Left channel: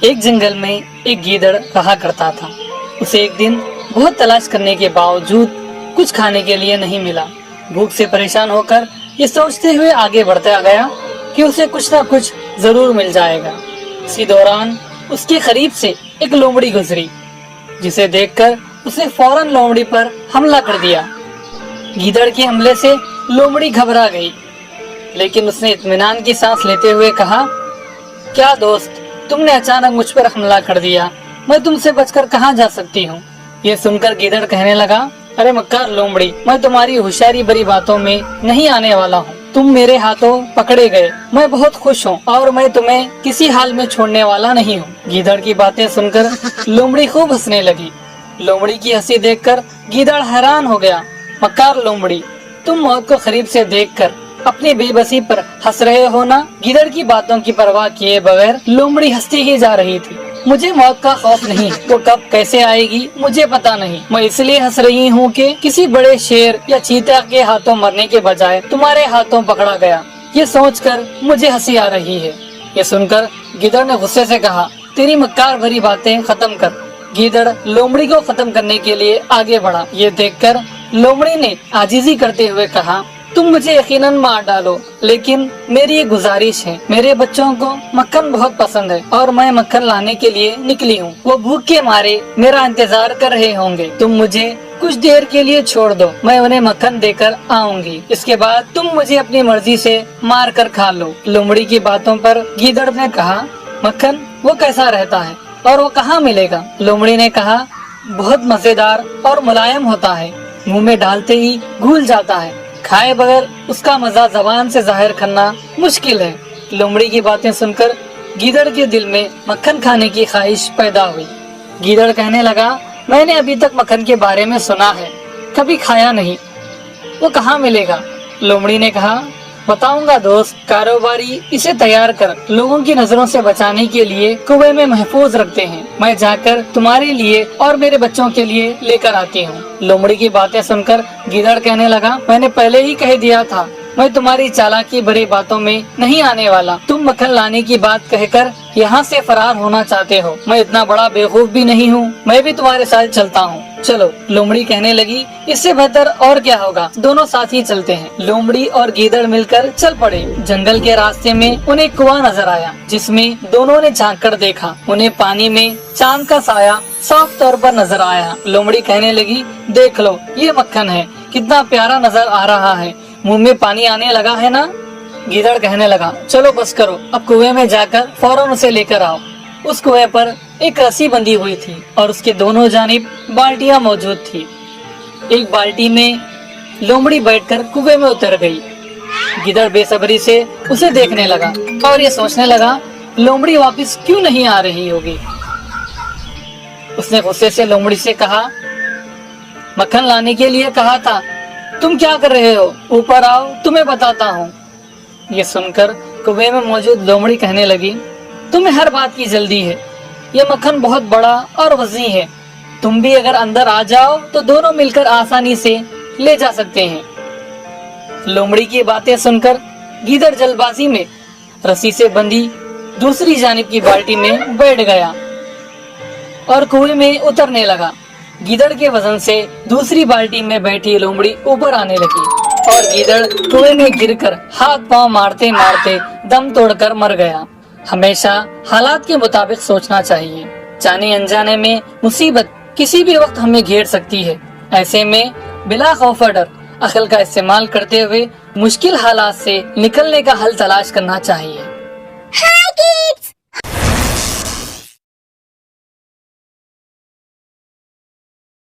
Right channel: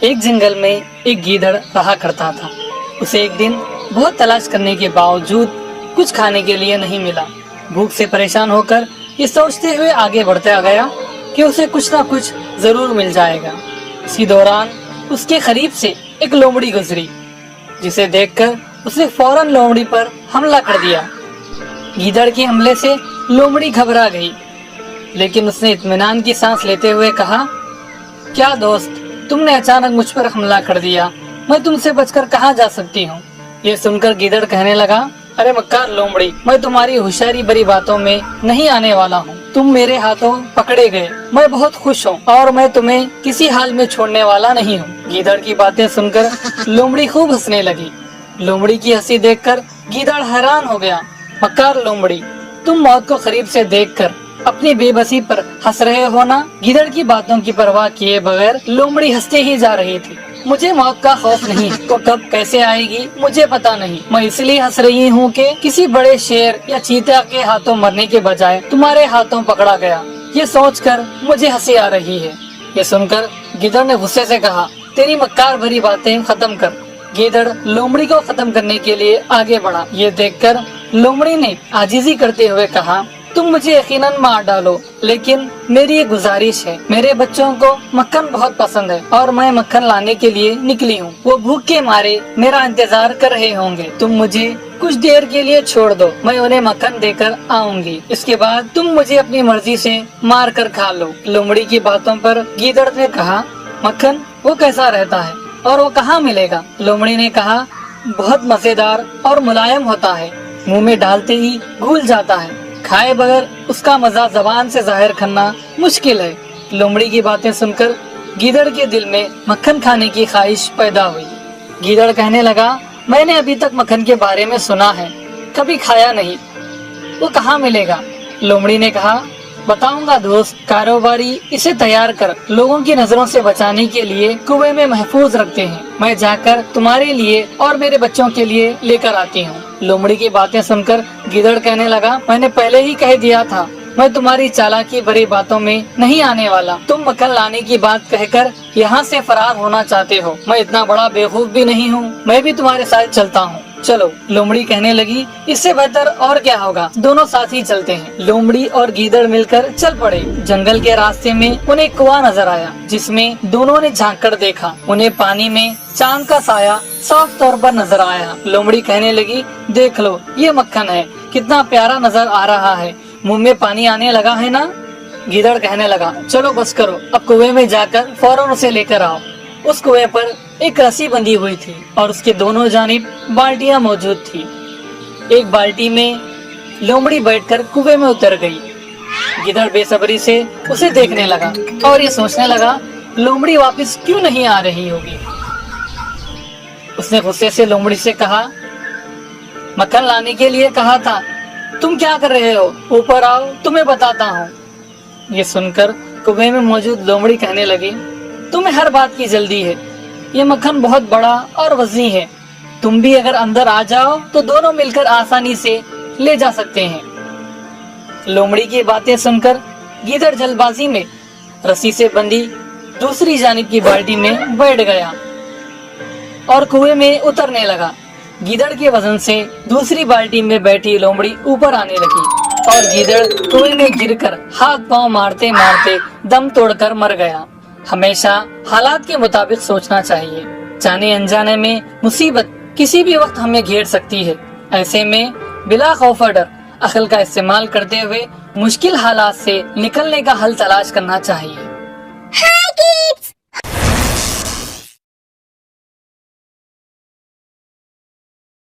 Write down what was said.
ایک جنگل میں ایک گیدڑ رہا کرتا تھا۔ اسے ایک دن بہت تلاش کرنے کے باوجود کچھ کھانے کے لیے نہیں ملا۔ بھوک سے پریشان ہو کر یہ سوچتے ہوئے آگے بڑھتا گیا کہ اسے کچھ نہ کچھ ضرور مل جائے گا۔ اسی دوران اس کے قریب سے ایک لومڑی گزری، جسے دیکھ کر اس نے فوراً لومڑی پر حملہ کر دیا۔ گیدڑ کے حملے سے لومڑی گھبرا گئی، لیکن اس نے اطمینان کی سانس لیتے ہوئے کہا، کیا دوست، تم نے اچانک مجھ پر حملہ کر دیا، میں تم سے بچ کر کہاں جا سکتی ہوں؟ یہ سن کر گیدڑ کہنے لگا، ارے مکار لومڑی، میں تمہاری ہوشیاری بری باتوں میں نہیں آنے والا ہوں۔ تم میرے ہاتھوں پکڑے گئے، میں بہت خوش ہوں اور میں تمہیں کسی حال میں چھوڑنے والا نہیں ہوں۔ گیدڑ کی باتیں سن کر لومڑی خوب ہنسنے لگی۔ لومڑی کی ہنسی دیکھ کر گیدڑ حیران ہو گیا۔ مکار لومڑی، تم موت کو قریب سے دیکھ کر اپنی بے بسی پر ہنس رہے ہو نا؟ گیدڑ کی باتوں کی پرواہ کیے بغیر لومڑی ہنستے ہی جا رہی تھی۔ مجھے موت کا خوف نہیں، وہ کب کیسے آئے گی مجھے پتا نہیں، میں اس لیے ہنس رہی ہوں کہ کسی بڑے شیر یا چیتا کے ہاتھوں مرنے کے بجائے تمہارے ہاتھوں پکڑا گیا، یہ سوچ کر مجھے ہنسی آ رہی ہے۔ یہ سن کر گیدڑ نے غصے سے کہا، تیری مکار بھری باتیں ختم کر۔ گیدڑ لومڑی کو ختم کرنے کے لیے آگے بڑھا۔ یہ دیکھ کر لومڑی نے عاجزی کرتے ہوئے کہا، تم مجھے یقیناً مار ڈالو، لیکن میری ایک گزارش ہے، میرے بچوں کو مکھن بہت پسند ہے اور میں مکھن لانے کے لیے نکلی ہوں۔ وہ بھوک کے مارے میرا انتظار کر رہے ہوں گے، تم مجھے کچھ دیر کے لیے چھوڑ دو، میں انہیں مکھن دے کر آؤں گی، اس کے بعد تم مجھے اپنی مرضی سے مار کر کھا لو۔ لومڑی کی باتوں پر گیدڑ نے کہا، مکھن وہ کیسا رہتا ہے اور وہ کہاں ملے گا؟ لومڑی نے کہا، بہت مزیدار اور ملائم ہوتا ہے، منہ میں ڈالتے ہی گھل جاتا ہے، کھائے بغیر اس کا مزہ زبان سے ظاہر کرنا مشکل ہے۔ لومڑی کی باتیں سن کر گیدڑ کے دل میں مکھن کھانے کی خواہش پیدا ہوئی۔ گیدڑ کہنے لگا، میں نے ابھی تک مکھن کے بارے میں سنا ہے، کبھی کھایا نہیں، وہ کہاں ملے گا؟ لومڑی نے کہا، بتاؤں گا دوست، کاروباری اسے تیار کر لوگوں کی نظروں سے بچانے کے لیے کنویں میں محفوظ رکھتے ہیں، میں جا کر تمہارے لیے اور میرے بچوں کے لیے لے کر آتی ہوں۔ لومڑی کی باتیں سن کر گیدڑ کہنے لگا، میں نے پہلے ہی کہہ دیا تھا، میں تمہاری چالاکی بھری باتوں میں نہیں آنے والا، تم مکھن لانے کی بات کہہ کر یہاں سے فرار ہونا چاہتے ہو، میں اتنا بڑا بیوقوف بھی نہیں ہوں، میں بھی تمہارے ساتھ چلتا ہوں، چلو۔ لومڑی کہنے لگی، اس سے بہتر اور کیا ہوگا، دونوں ساتھ ہی چلتے ہیں۔ لومڑی اور گیدڑ مل کر چل پڑے۔ جنگل کے راستے میں انہیں کنواں نظر آیا، جس میں دونوں نے جھانک کر دیکھا، انہیں پانی میں چاند کا سایہ صاف طور پر نظر آیا۔ لومڑی کہنے لگی، دیکھ لو، یہ مکھن ہے، کتنا پیارا نظر آ رہا ہے، منہ میں پانی آنے لگا ہے نا؟ گیدڑ کہنے لگا، چلو بس کرو، اب کنویں میں جا کر فوراً اسے لے کر آؤ۔ اس کنویں پر ایک رسی بندھی ہوئی تھی اور اس کے دونوں جانب بالٹیاں موجود تھی۔ ایک بالٹی میں لومڑی بیٹھ کر کنویں میں اتر گئی۔ گیدڑ بے صبری سے اسے دیکھنے لگا اور یہ سوچنے لگا، لومڑی واپس کیوں نہیں آ رہی ہوگی؟ اس نے غصے سے لومڑی سے کہا، مکھن لانے کے لیے کہا تھا، تم کیا کر رہے ہو؟ اوپر آؤ، تمہیں بتاتا ہوں۔ یہ سن کر کنویں میں موجود لومڑی کہنے لگی، تمہیں ہر بات کی جلدی ہے، یہ مکھن بہت بڑا اور وسیع ہے، تم بھی اگر اندر آ جاؤ تو دونوں مل کر آسانی سے لے جا سکتے ہیں۔ لومڑی کی باتیں سن کر گیدڑ جلد بازی میں رسی سے بندھی دوسری جانب کی بالٹی میں بیٹھ گیا اور کنویں میں اترنے لگا۔ گیدڑ کے وزن سے دوسری بالٹی میں بیٹھی لومڑی اوپر آنے لگی اور گیدڑ کنویں میں گر کر ہاتھ پاؤں مارتے مارتے دم توڑ کر مر گیا۔ ہمیشہ حالات کے مطابق سوچنا چاہیے، جانے انجانے میں مصیبت کسی بھی وقت ہمیں گھیر سکتی ہے، ایسے میں بلا خوف و ڈر عقل کا استعمال کرتے ہوئے مشکل حالات سے نکلنے کا حل تلاش کرنا چاہیے۔ Hi kids!